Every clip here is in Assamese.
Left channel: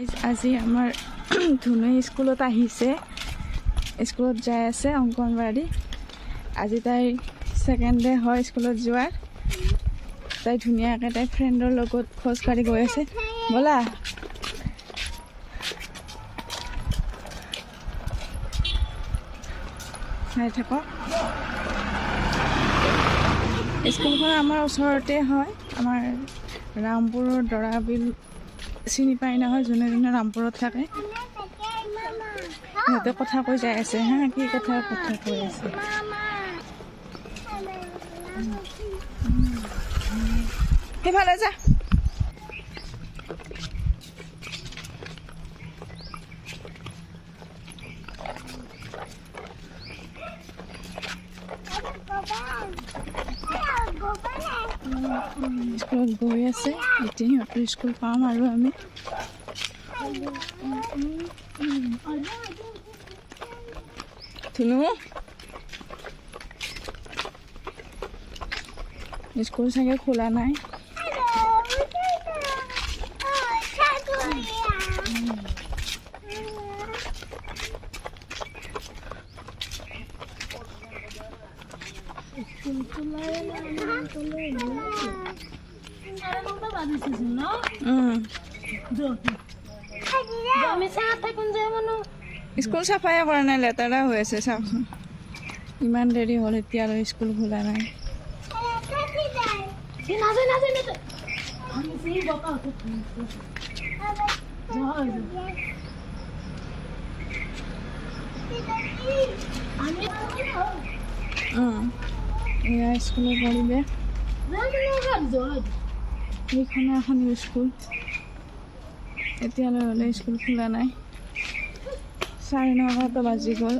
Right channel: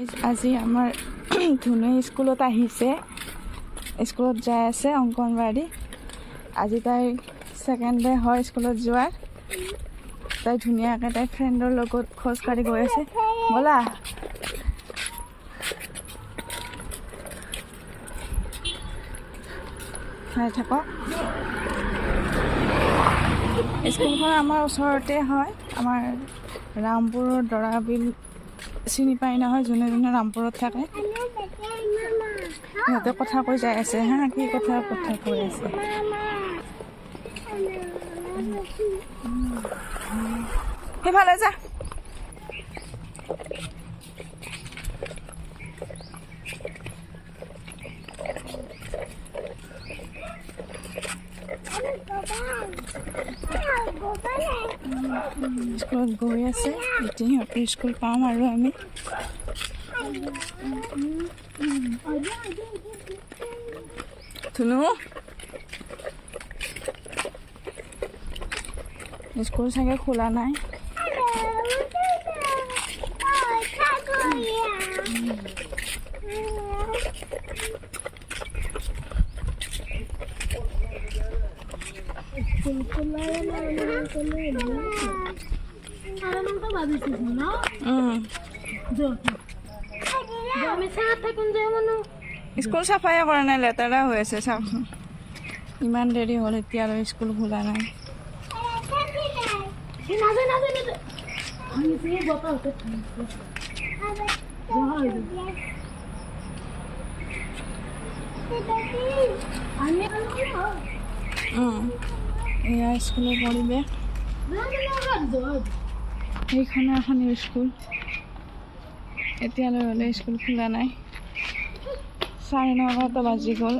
আজি আমাৰ ধুনুৱে স্কুলত আহিছে, স্কুলত যাই আছে অংগনবাড়ী। আজি তাই ছেকেণ্ড ডে হয় স্কুলত যোৱাৰ। তাই ধুনীয়াকৈ তাই ফ্ৰেণ্ডৰ লগত খোজকাঢ়ি গৈ আছে। ব'লা চাই থাকক। স্কুলখন আমাৰ ওচৰতে হয়, আমাৰ ৰামপুৰৰ দৰাবিল চিনি পাই নহয়, যোনে যোনে ৰামপুৰত থাকে। সিহঁতে কথা কৈ যাই আছে হা, কি কথা কৈ আছে। সেইফালে যা। স্কুলত গৈ আছে, এতিয়া সিহঁতৰ স্কুল পাম আৰু আমি। ধুনু স্কুল চাগে খোলা নাই। স্কুল চাফাই কৰা নাই, লেতেৰা হৈ আছে চাওকচোন। ইমান দেৰি হ'ল এতিয়া আৰু স্কুল খোলা নাই। এয়া স্কুলৰ পৰিৱেশ। সেইখনে এখন স্কুল, এতিয়ালৈ হ'লে স্কুল খোলা নাই। 9:30 বাজি গ'ল।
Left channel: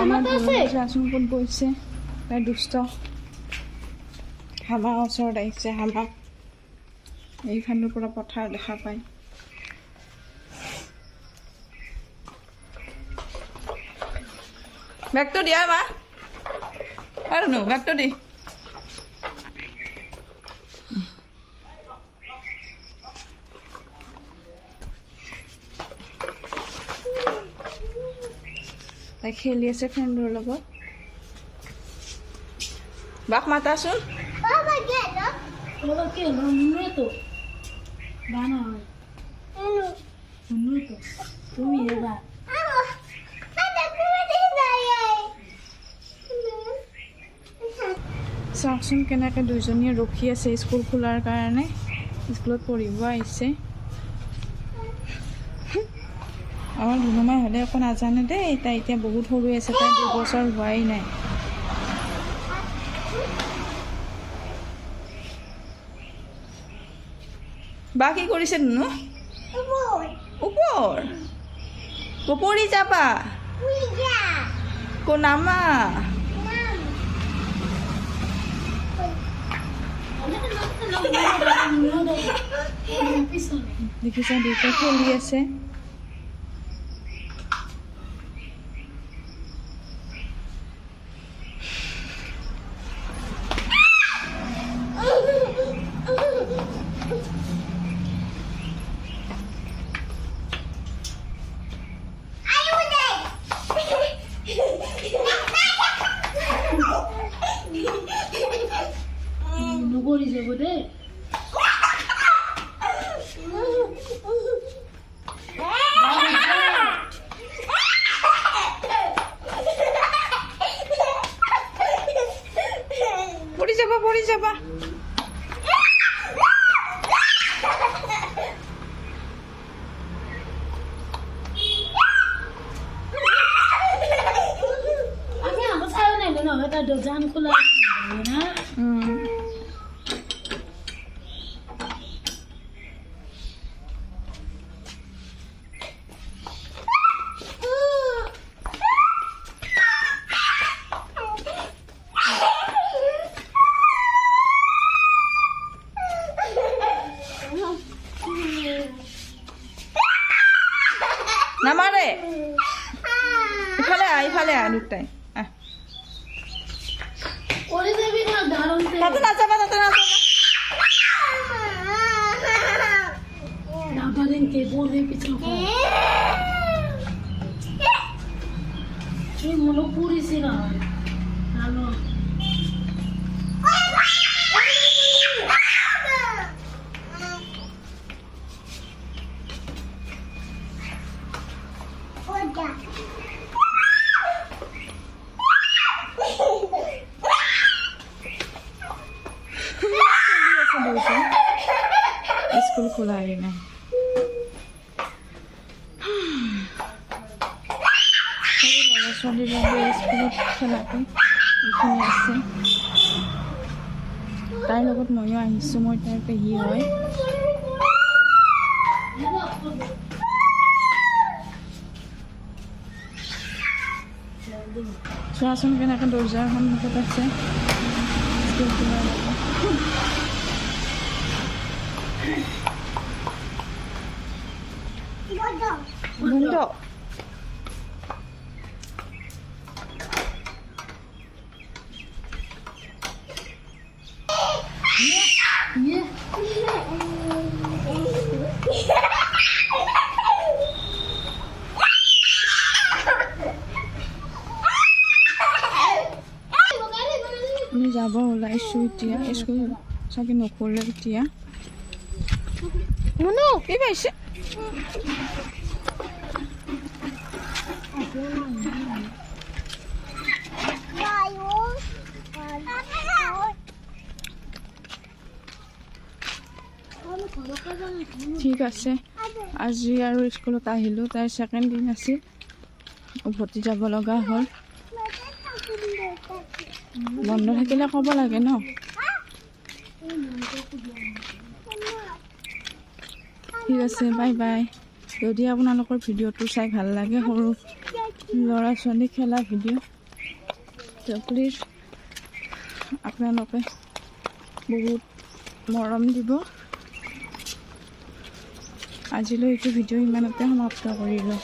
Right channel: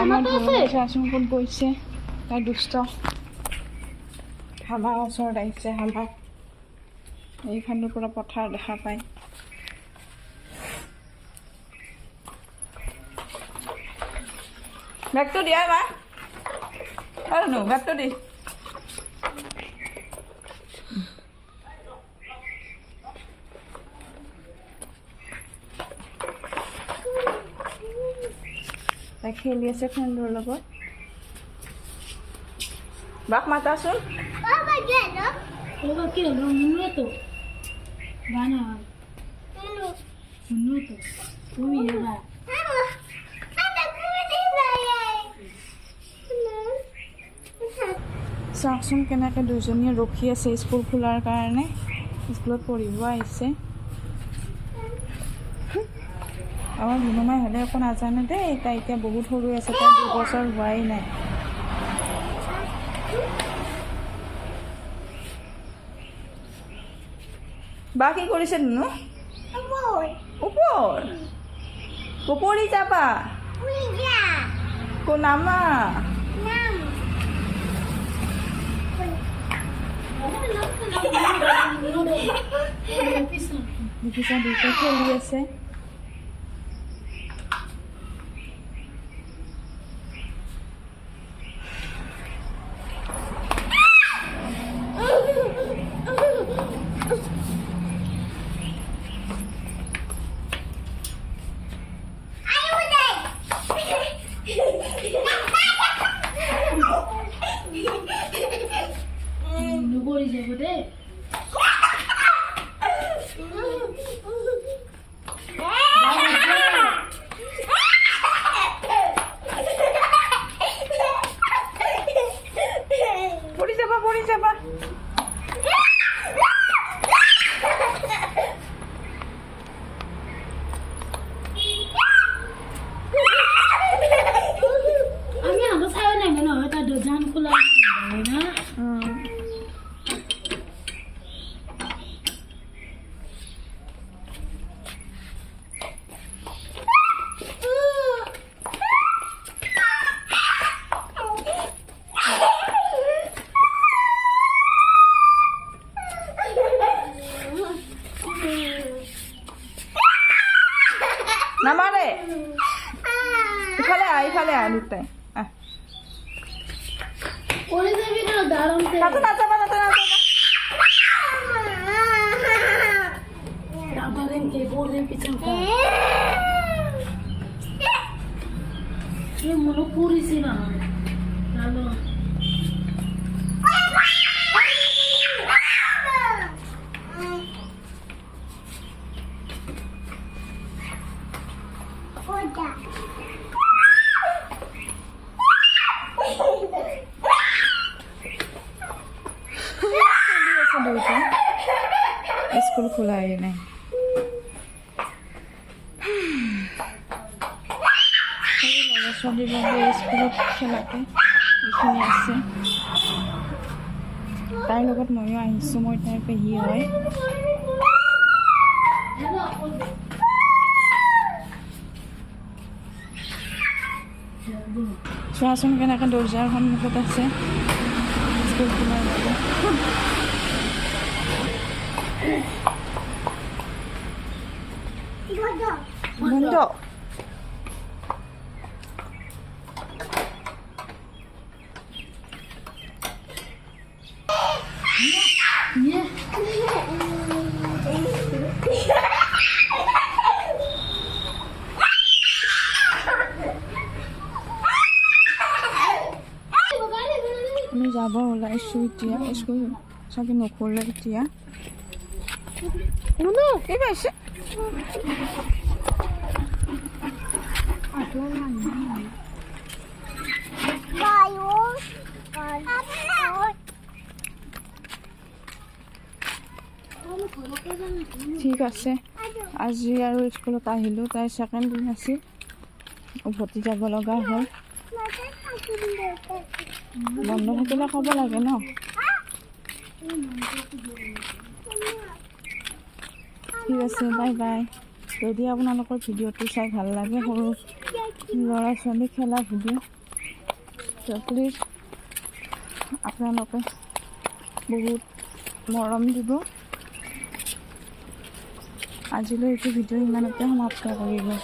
আমাৰ চাচোন ক'ত গৈছে, তাই দুষ্ট। হামা ওচৰত আহিছে, হামা এইখনৰ পৰা পথাৰ দেখা পায়। বেগটো দিয়া মা, আৰু নো বেগটো দি। তাই খেলি আছে ফ্ৰেণ্ডৰ লগত। বাক মাতাচোন। চাওকচোন কেনেকৈ দুইজনীয়ে ৰখি আছে স্কুল খোলাৰ কাৰণে। স্কুলত পঢ়িব আহিছে। আমাৰ ধুনুমাই হ'লে একো নাজানে দেই, তাই এতিয়া বহুত সৰু আছে, তাই 2 বছৰ হোৱাই নাই। বা কি কৰিছে ধুনু? ওপৰ ওপৰি যাবা কো নামা। দেখিছা দুটা খেলি আছে। পড়ি যাবা। আমি আগে চাই নাই না, এটা দরজান খোলা না। নামারে, ইফালে আ দুটাই। তাতে নাযাবা তাতে নাযাবা Dabarin ke bore pichang ka. Ye mono puri sina. Nalo. School खुला ही नहीं लड़ा छोली लगे स्कूल खेलाते এইখিনি আছে তাইৰ লগত ময়ো আহিছোঁ মই তাইৰ পেহী হয় চোৱাচোন কেনেকৈ দৰ্জাৰ সন্মুখত আছে স্কুল খোলাৰ বাবে বন্ধ আমি যাব ওলাইছোঁ এতিয়া স্কুল চাগে নখোলে এতিয়া কি পাইছে ঠিক আছে আজি আৰু স্কুলত আহিলোঁ তাইৰ ছেকেণ্ড দিন আছিল উভতি যাব লগা হ'ল বন্ধ থাকিলে ক'ব লাগে ন ঠিক আছে বাই বাই যদি আপোনালোকৰ ভিডিঅ'টো চাই ভাল লাগে সৰু ল'ৰা ছোৱালী খেলা ভিডিঅ' প্লিজ আপোনালোকে বহুত মৰম দিব আজিলৈ এইটো ভিডিঅ' ইমানতে সমাপ্ত কৰিলোঁ